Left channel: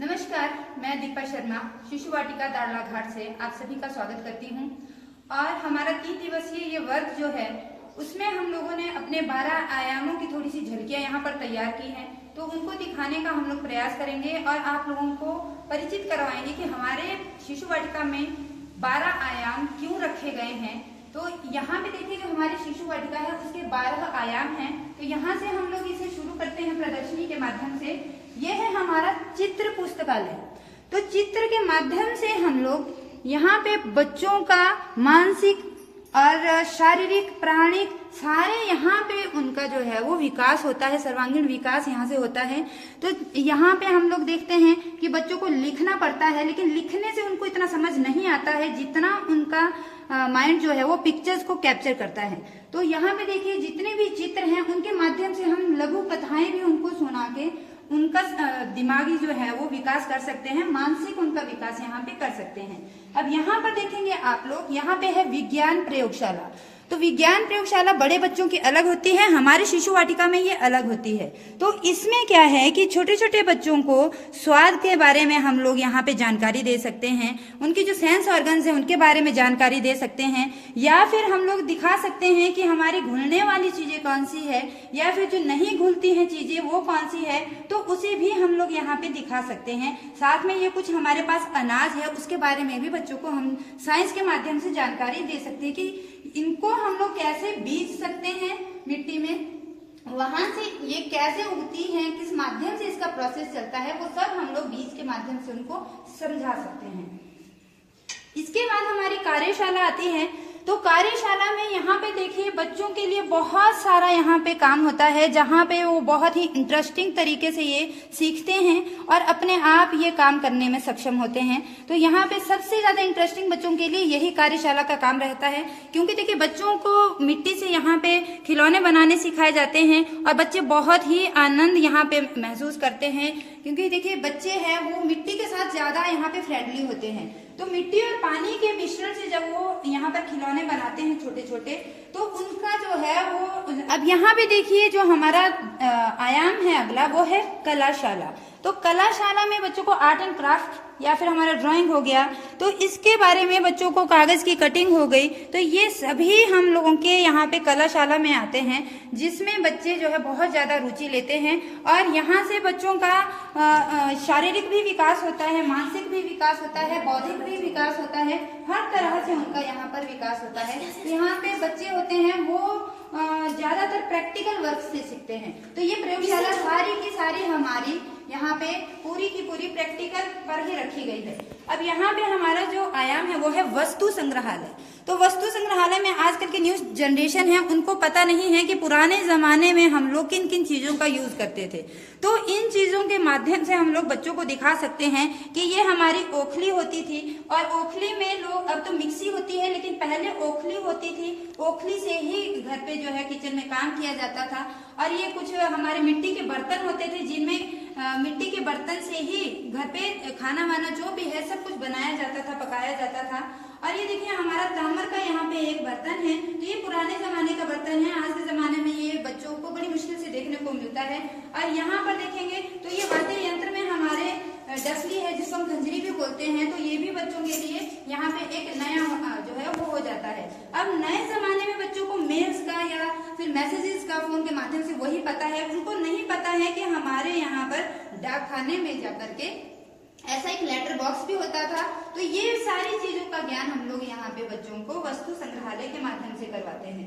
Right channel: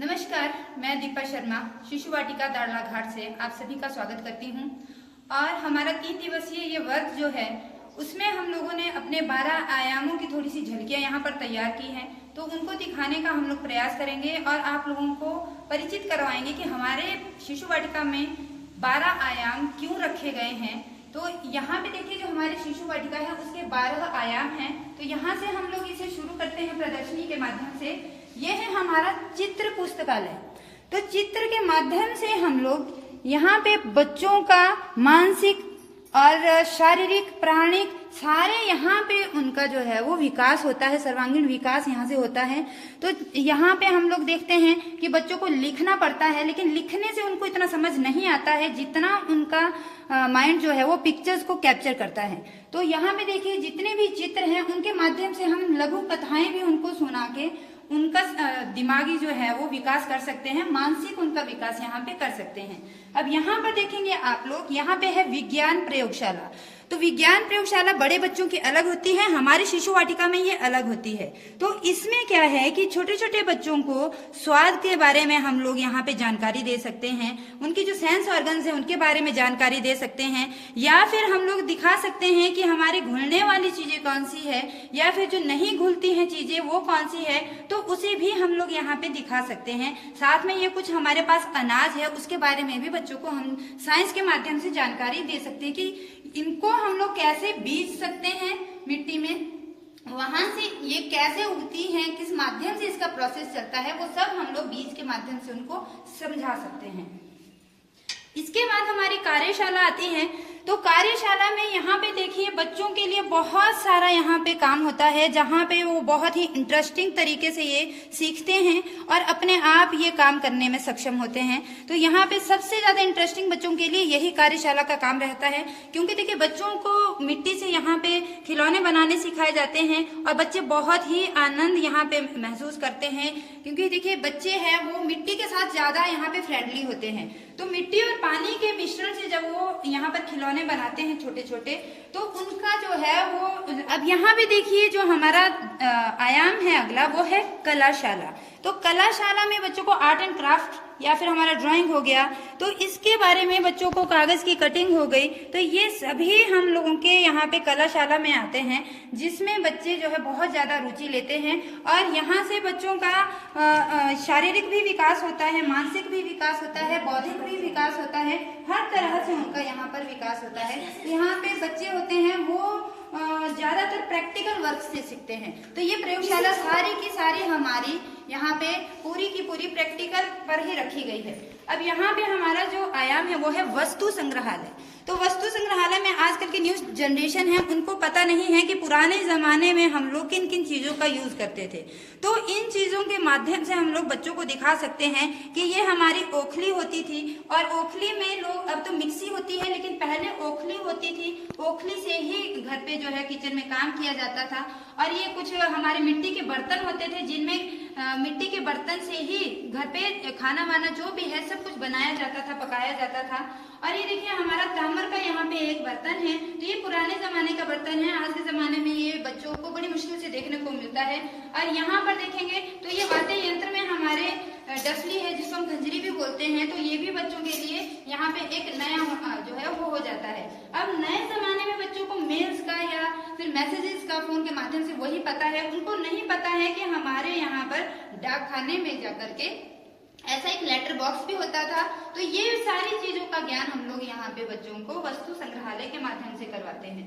नमस्कार, मैं दीपा शर्मा शिशु वाटिका दाड़ला घाट से आप सभी का स्वागत करती हूँ। और हमारा 3 दिवसीय ये वर्क जो है उसमें हम लोगों ने अपने 12 आयामों की थोड़ी सी झलकियाँ यहाँ पर तैयार की हैं, तो उनको दिखाने का हम लोग प्रयास करेंगे और आप लोगों को परिचित करवाएंगे कि हमारे शिशु वाटिका में 12 आयाम क्यों रखे गए हैं। तो यहाँ पे देखिए जो हमारी शिशु वाटिका है उसके 12 आयाम हैं। तो यहाँ से हम लोग इसे शुरू करते हैं प्रदर्शनी के माध्यम से। ये है हमारा चित्र पुस्तकालय। तो चित्र के माध्यम से हम लोग यहाँ पे बच्चों का मानसिक और शारीरिक प्राणिक सारे यहाँ पे उनका जो है वो विकास होता है, सर्वांगीण विकास यहाँ से होता है। तो यहाँ पे हम लोग देखते हैं कि बच्चों को लिखना पड़ता है, लेकिन लिखने से उनको इतना समझ नहीं आता है जितना उनका माइंड जो है वो पिक्चर्स को कैप्चर करता है। तो यहाँ पे देखिए जितने भी चित्र हैं उनके माध्यम से हम लघु कथाएं भी उनको सुना के उनका दिमागी जो है वो विकास कर सकते हैं, मानसिक उनका विकास यहाँ पे कर सकते हैं। अब यहाँ पर देखेंगे आप लोग, यहाँ पे है विज्ञान प्रयोगशाला। तो विज्ञान प्रयोगशाला बड़े बच्चों की अलग होती है, हमारे शिशु वाटिका में ये अलग होती है। तो इसमें क्या है कि छोटे छोटे बच्चों को स्वाद के बारे में हम लोग यहाँ पे जानकारी दे सकते हैं, उनकी जो सेंस ऑर्गन्स है उनके बारे में जानकारी दे सकते हैं, या फिर हम लोग दिखा सकते हैं कि हमारी घुलने वाली चीजें कौन सी है या फिर जो नहीं घुलती हैं चीजें वो कौन सी है, तो उसे भी हम लोग यहाँ पे दिखा सकते हैं। साथ में ये कुछ हमारे पास अनाज है उसके बारे में भी बच्चों को हम साइंस के माध्यम से जानकारी दे सकते हैं कि इनको हम लोग कैसे बीज सकते हैं मिट्टी में, वहां से ये कैसे उगती है, किस माध्यम से इसका प्रोसेस चलता है, वो सब हम लोग बीज के माध्यम से उनको समझा सकते हैं। इसके बाद हमारी कार्यशाला आती है। तो कार्यशाला में यहाँ पे देखिए बच्चों के लिए बहुत सारा यहाँ पे काम होता है, जहाँ पे वो बहुत ही इंटरेस्टिंग तरीके से ये सीखते हैं और अपने आप ये काम करने में सक्षम होते हैं। तो यहाँ पे सबसे ज्यादा इंटरेस्टिंग बच्चों के लिए यही कार्यशाला का काम रहता है, क्योंकि देखिए बच्चों को मिट्टी से यहाँ पे खिलौने बनाने सिखाए जाते हैं और बच्चे बहुत ही आनंद यहाँ पे महसूस करते हैं, क्योंकि देखिए बच्चे हैं वो मिट्टी के साथ ज्यादा यहाँ पे फ्रेंडली होते हैं। तो मिट्टी और पानी के मिश्रण से जब वो यहाँ पर खिलौने बनाते हैं छोटे छोटे, तो उनका जो है वो, अब यहाँ पे देखिए जो हमारा आयाम है अगला वो है कलाशाला। तो कलाशाला में बच्चों को आर्ट एंड क्राफ्ट या फिर हमारा ड्राइंग हो गया, तो इसके बारे में बच्चों को कागज की कटिंग हो गई, तो ये सभी हम लोगों के यहाँ पे कलाशाला में आते हैं, जिसमें बच्चे जो है बहुत ज्यादा रुचि लेते हैं। और यहाँ से बच्चों का शारीरिक भी विकास होता है, मानसिक भी विकास होता है, बौद्धिक भी विकास होता है, हर तरह से उनका यहाँ पर विकास होता है। तो यहाँ पे बच्चे होते हैं वो ज्यादातर प्रैक्टिकल वर्क से सीखते हैं। तो ये प्रयोगशाला सारी की सारी हमारी यहाँ पे पूरी की पूरी प्रैक्टिकल पर ही रखी गई है। अब यहाँ पे हमारा जो आयाम है वो है वस्तु संग्रहालय। तो वस्तु संग्रहालय में आजकल की न्यू जनरेशन है उनको पता नहीं है कि पुराने जमाने में हम लोग किन किन चीजों का यूज करते थे। तो इन चीजों के माध्यम से हम लोग बच्चों को दिखा सकते हैं कि ये हमारी ओखली होती थी, और ओखली में लोग, अब तो मिक्सी होती है लेकिन पहले ओखली होती थी, ओखली से ही घर पे जो है किचन में काम किया जाता था। और ये कुछ हमारे मिट्टी के बर्तन होते थे जिनमें मिट्टी के बर्तन से ही घर पे खाना वाना जो भी है सब कुछ बनाया जाता था, पकाया जाता था। और ये देखिए हमारा ताम्र का यहाँ पे एक बर्तन है, तो ये पुराने जमाने का बर्तन है, आज के जमाने में ये बच्चों को बड़ी मुश्किल से देखने को मिलता है। और यहाँ पर देखेंगे तो ये वाद्य यंत्र में हमारे डसली है जिसको हम खंजरी भी बोलते हैं, तो ये भी बच्चों के लिए यहाँ पे एक नया जो है वो हो जाता है। अब नए जमाने में बच्चों को मेल्स का या फिर मैसेजेस का फोन के माध्यम से वही पता है, उनको नहीं पता है कि हमारे यहाँ पर डाक खाने में जाकर के ऐसा एक लेटर बॉक्स भी होता था। तो ये सारी चीजों का ज्ञान हम लोग यहाँ पे बच्चों को वस्तु संग्रहालय के माध्यम से करवाते हैं।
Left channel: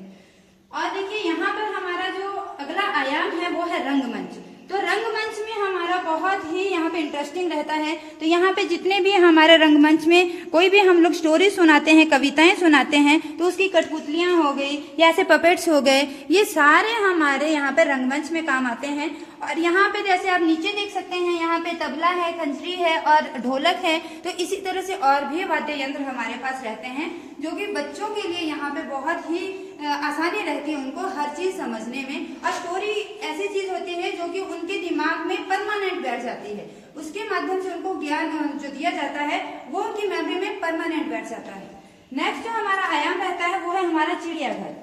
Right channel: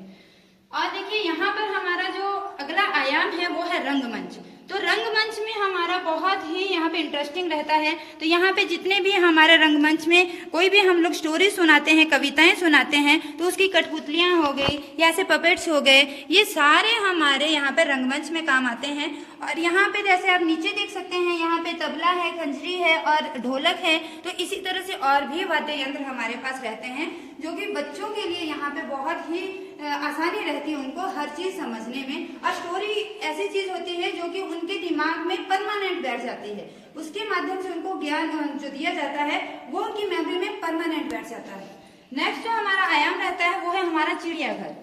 और देखिए यहाँ पर हमारा जो अगला आयाम है वो है रंगमंच। तो रंगमंच में हमारा बहुत ही यहाँ पे इंटरेस्टिंग रहता है। तो यहाँ पे जितने भी हमारे रंगमंच में कोई भी हम लोग स्टोरी सुनाते हैं, कविताएं सुनाते हैं, तो उसकी कठपुतलियां हो गई या ऐसे पपेट्स हो गए, ये सारे हमारे यहाँ पे रंगमंच में काम आते हैं। और यहाँ पे जैसे आप नीचे देख सकते हैं यहाँ पे तबला है, खंजरी है और ढोलक है। तो इसी तरह से और भी वाद्य यंत्र हमारे पास रहते हैं, जो कि बच्चों के लिए यहाँ पे बहुत ही आसानी रहती है उनको हर चीज समझने में। और स्टोरी ऐसी चीज होती है जो कि उनके दिमाग में परमानेंट बैठ जाती है, उसके माध्यम से उनको ज्ञान जो दिया जाता है वो उनकी मेमोरी में परमानेंट बैठ जाता है। नेक्स्ट जो हमारा आयाम रहता है वो है हमारा चिड़ियाघर।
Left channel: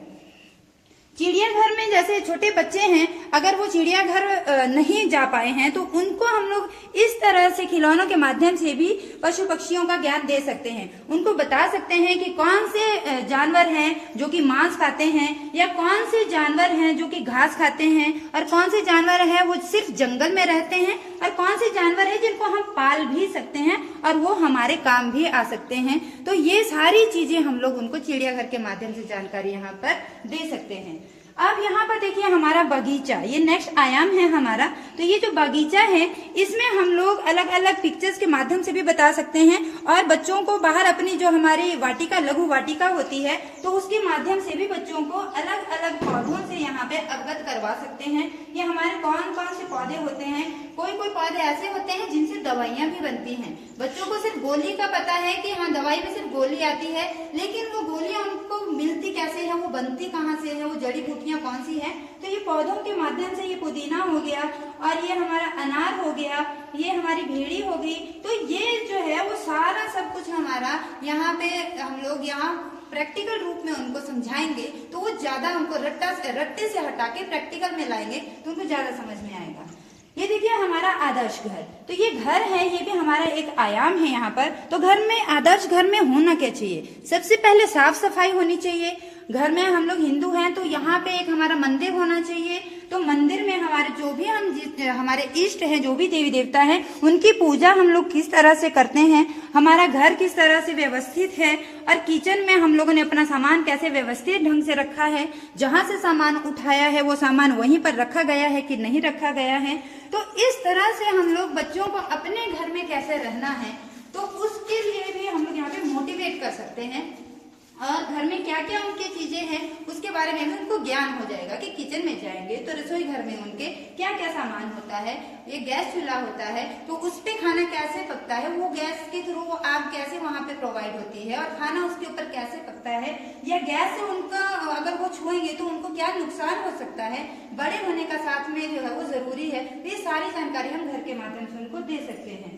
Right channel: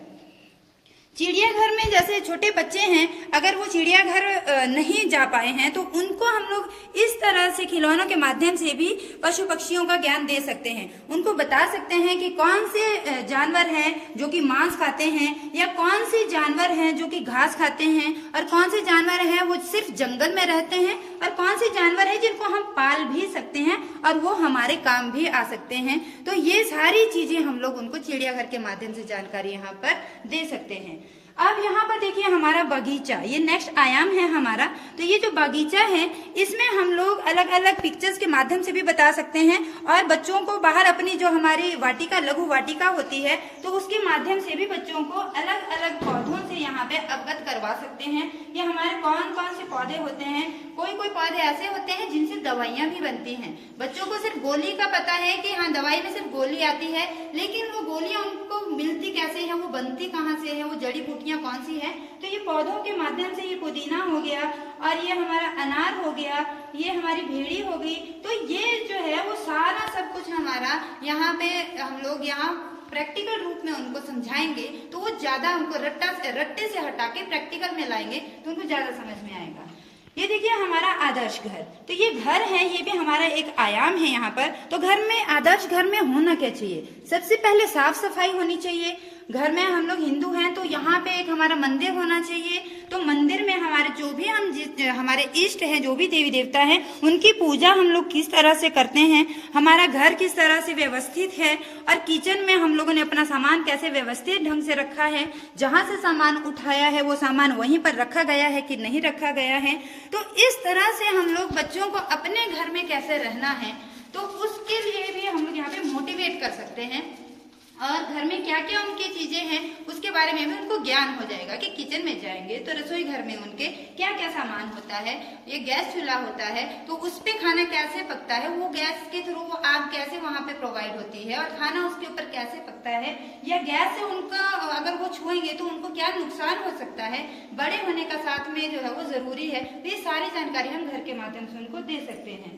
चिड़ियाघर में जैसे छोटे बच्चे हैं, अगर वो चिड़ियाघर नहीं जा पाए हैं तो उनको हम लोग इस तरह से खिलौनों के माध्यम से भी पशु पक्षियों का ज्ञान दे सकते हैं। उनको बता सकते हैं कि कौन से जानवर हैं जो कि मांस खाते हैं, या कौन से जानवर हैं जो कि घास खाते हैं, और कौन से जानवर हैं वो सिर्फ जंगल में रहते हैं, और कौन से जानवर हैं जिनको हम पाल भी सकते हैं और वो हमारे काम भी आ सकते हैं। तो ये सारी चीजें हम लोग उनको चिड़ियाघर के माध्यम से जानकारी यहाँ पर दे सकते हैं। अब यहाँ पर देखिए हमारा बगीचा, ये नेक्स्ट आयाम है हमारा। तो ये जो बगीचा है इसमें हम लोग अलग अलग पिक्चर्स के माध्यम से भी बता सकते हैं, और बच्चों को बाहर अपनी जो हमारी वाटिका, लघु वाटिका होती है, तो उसके माध्यम से भी बच्चों को अलग अलग पौधों से यहाँ पे अवगत करवा सकते हैं कि हमारे कौन कौन से पौधे होते हैं। कोई कोई पौधे ऐसे होते हैं जिनसे दवाइयां भी बनती हैं। बच्चों को सिर्फ गोली का पता है कि हाँ दवाई में सिर्फ गोली आती है, लेकिन वो गोलियां उनको मिलती कैसे है, वो बनती कहाँ से है, वो जड़ी बूटियां कौन सी है। तो ये पौधों के माध्यम से, ये पुदीना हो गया, और ये हमारा अनार हो गया, ये हमारी भेड़ी हो गई। तो ये जो है वो सारा सब कुछ हमारा यहाँ पे हम लोग यहाँ प्रैक्टिकल रूप में उनको समझाएंगे, तो वो ज्यादा उनको रट्टे से हटा के प्रैक्टिकल में लाएंगे तो उनको ज्यादा समझ में आएगा। ये देखिए हमारा आदर्श घर, तो ये घर है, ये भी हमारा एक आयाम है यहाँ पर। तो घर में, आदर्श घर में होना क्या चाहिए? सबसे पहले साफ सफाई होनी चाहिए। घर में हम लोग हिंदू हैं तो यहाँ पे एक हमारा मंदिर होना चाहिए। तो मंदिर में हमारे जो भी हमारे इष्ट हैं, जो भी देवी देवता हैं, उनकी पूजा हम लोग किस तरह से करते हैं, हमारा घर किस तरह से व्यवस्थित है, और किचन में हम लोगों ने अपना सामान कैसे व्यवस्थित ढंग से रखा है, जहां से सामान उठाया है वो सामान वहीं पर रखा गया है कि नहीं रखा गया है। तो इस तरह से हम लोग बच्चों को अपने घर में कैसे रहना है, तो उसके लिए भी हम लोग यहाँ पे मोटिवेट कर सकते हैं। और घर में क्या क्या उनकी चीजें हैं उसके बारे में भी उनको ज्ञान हो जाएगा कि किचन में जाएंगे तो रसोई घर में उनके क्या क्या सामान होता है। ये गैस चूल्हा होता है तो उस पे खाना कैसे पकता है, वो गैस के थ्रू वो आग कैसे वहां पे प्रोवाइड होती है, और खाना उसके ऊपर कैसे पकता है, या गैस से उनका अगर वो छुएंगे तो उनको क्या नुकसान हो सकता है, बड़े होने का साथ में जो है वो जरूरी है। तो ये सारी जानकारी हम घर के माध्यम से उनको दे सकते हैं।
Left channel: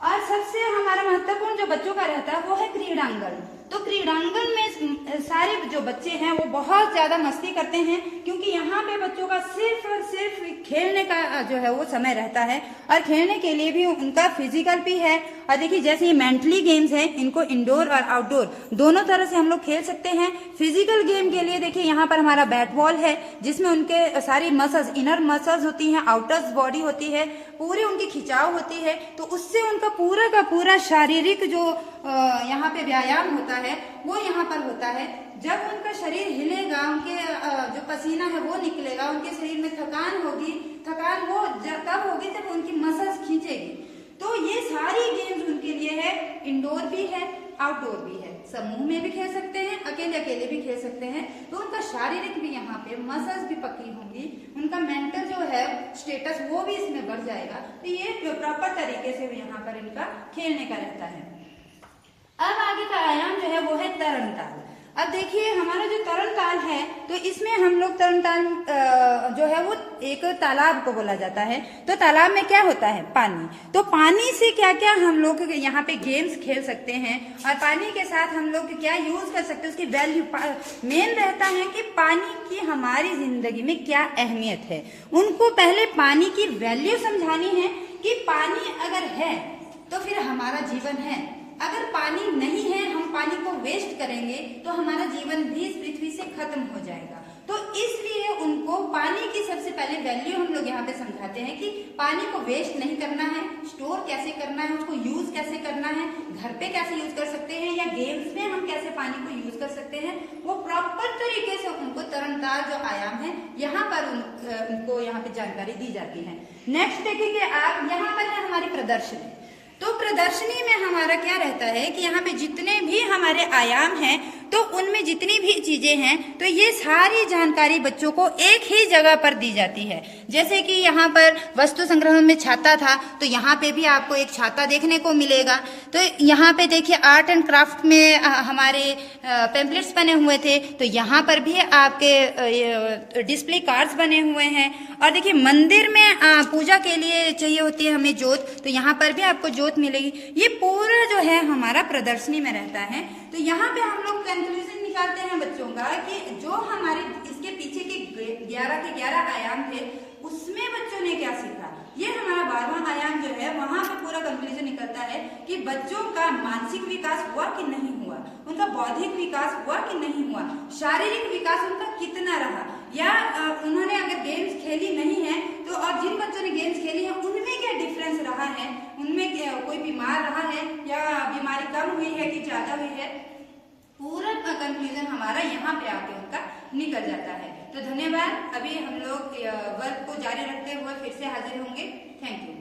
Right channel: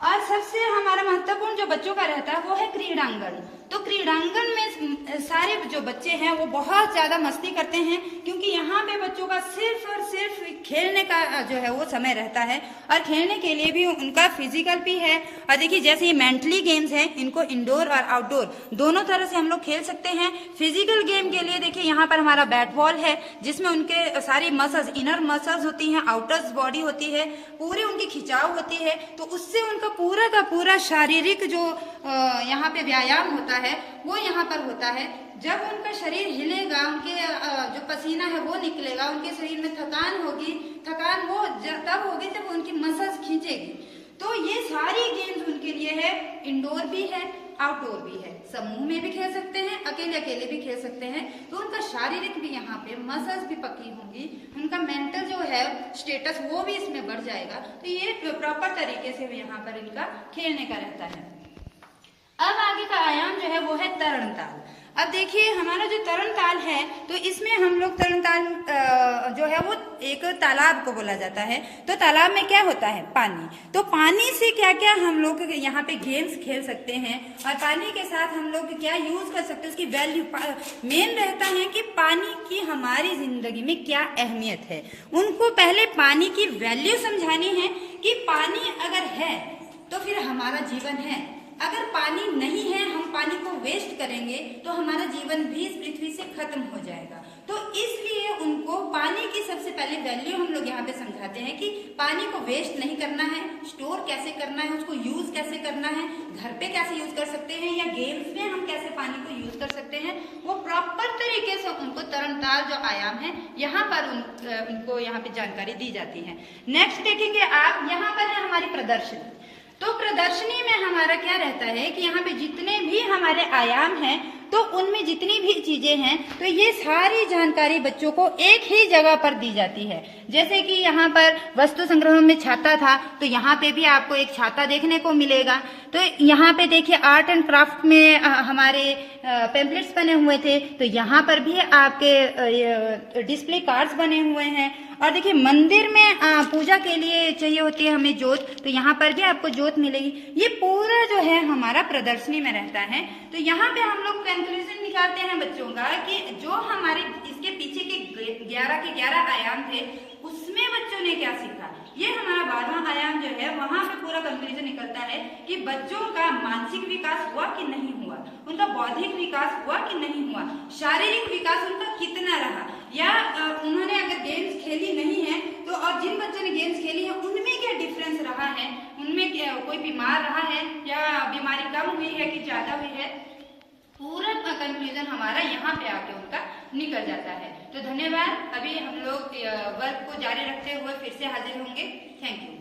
और सबसे हमारा महत्वपूर्ण जो बच्चों का रहता है वो है क्रीड़ांगण। तो क्रीड़ांगण में सारे जो बच्चे हैं वो बहुत ज्यादा मस्ती करते हैं, क्योंकि यहाँ पे बच्चों का सिर्फ और सिर्फ खेलने का जो है वो समय रहता है, और खेलने के लिए भी उनका फिजिकल भी है। और देखिए जैसे ये मेंटली गेम्स हैं, इनको इंडोर और आउटडोर दोनों तरह से हम लोग खेल सकते हैं। फिजिकल गेम के लिए देखिए यहाँ पर हमारा बैट बॉल है, जिसमें उनके सारी मसल्स, इनर मसल्स होती हैं, आउटर बॉडी होती है, पूरी उनकी खिंचाव होती है, तो उससे उनका पूरा का पूरा शारीरिक जो यहाँ पे व्यायाम होता है वो यहाँ पर होता है। जब उनका शरीर हिलेगा, उनके जो पसीना है वो निकलेगा, उनके शरीर में थकान होगी, थकान वो तब होगी जब उनकी मसल्स खींचेगी। तो ये सारी गेम्स उनके लिए है, इंडोर भी है, आउटडोर भी है, समूह में भी खेल सकते हैं, अकेले अकेले भी खेल सकते हैं। तो उनका शारीरिक भी यहाँ पे मसल्स भी पक्की होंगी, उनका मेंटल जो है स्टेटस वो भी इसमें बढ़ जाएगा। तो ये प्रॉपर तरीके से यहाँ पर इनका खेलने का रहता है। अब आगे का आयाम जो है वो है तरण ताल। अब देखिए हमारा जो तरण ताल है तो इसमें हम लोग तरण ताल जो है वो एक तालाब को बोला जाता है। तो तालाब में क्या होता है? पानी। तो पानी से क्या क्या हम लोग यहाँ पे गेम्स खेल सकते हैं, और पानी के साथ हम लोग क्या यूज कर सकते हैं, उसकी वैल्यू मेन रहता है कि पानी की हमारी जिंदगी में क्या अहमियत है। उनको पहले पानी की वैल्यू समझानी है कि पानी अगर है तो फिर हमारा जीवन है, अगर पानी नहीं है, हम पानी को वेस्ट करेंगे तो हमारा जीवन भी इस पृथ्वी से खत्म हो जाएगा। तो इसलिए उनको पानी की सबसे पहले वैल्यू हम लोग यहाँ पे समझाते हैं कि पानी को वेस्ट नहीं करना है, स्टोर कैसे करना है, उसको यूज कैसे करना है, घर पे कैसे यूज कर सकते हैं, या गेम्स में हम कैसे पानी को यूज कर सकते हैं, वो प्रॉपर तरीके से उनको तरणताल जो आयाम है यहाँ पर उनको यहाँ पे जानकारी दी जाती है। नेक्स्ट देखेंगे आप, यहाँ पर है हमारी प्रदर्शनी। तो प्रदर्शनी में हमारा क्या रहता है कि यहाँ पे जितने भी हमारे आयाम हैं तो उनमें जितनी भी चीजें हैं तो ये सारी जानकारी बच्चों को एक ही जगह पर दी जाती है। जैसे कि यहाँ पर वस्तु संग्रह में छाता था तो यहाँ पे भी आपको एक छाता देखने को मिलेगा। तो यहाँ पे देखिए आर्ट एंड क्राफ्ट में हमारे पैम्पलेट्स बने हुए थे, तो यहाँ पर भी आपके डिस्प्ले कार्ड्स बने हुए हैं। और देखिए मंदिर में पूजा के लिए चाहिए होती है हमें जोत, तो यहाँ पर भी आपको जोत मिलेगी। ये पूरा जो है हमारा प्रदर्शनी में रहता है। तो यहाँ पे हम लोग कंक्लूजन निकालते हैं बच्चों का कि जो हमारे इसके पीछे के 11 के 11 आयाम थे उसमें बच्चों ने क्या सीखा, ये हमारा 12वां आयाम जो है वहां पे पूरा कंक्लूजन निकलता है कि बच्चों का मानसिक विकास हुआ कि नहीं हुआ, उनका बौद्धिक विकास हुआ कि नहीं हुआ, शारीरिक विकास उनका कितना रहा, या उन्होंने अगर गेम्स खेली नहीं है तो और जिन बच्चों ने गेम्स खेली है उनमें क्या डिफरेंस रहा है, उनमें कोई बीमार रहा है या बीमारी कम हुई है कि ज्यादा हुई है, पूरा कंक्लूजन हमारा यहाँ पे आके उनका निकल जाता है। तो धन्यवाद। अभी हम लोग वर्क को जारी रखते हुए फिर से हाजिर होंगे। Thank you.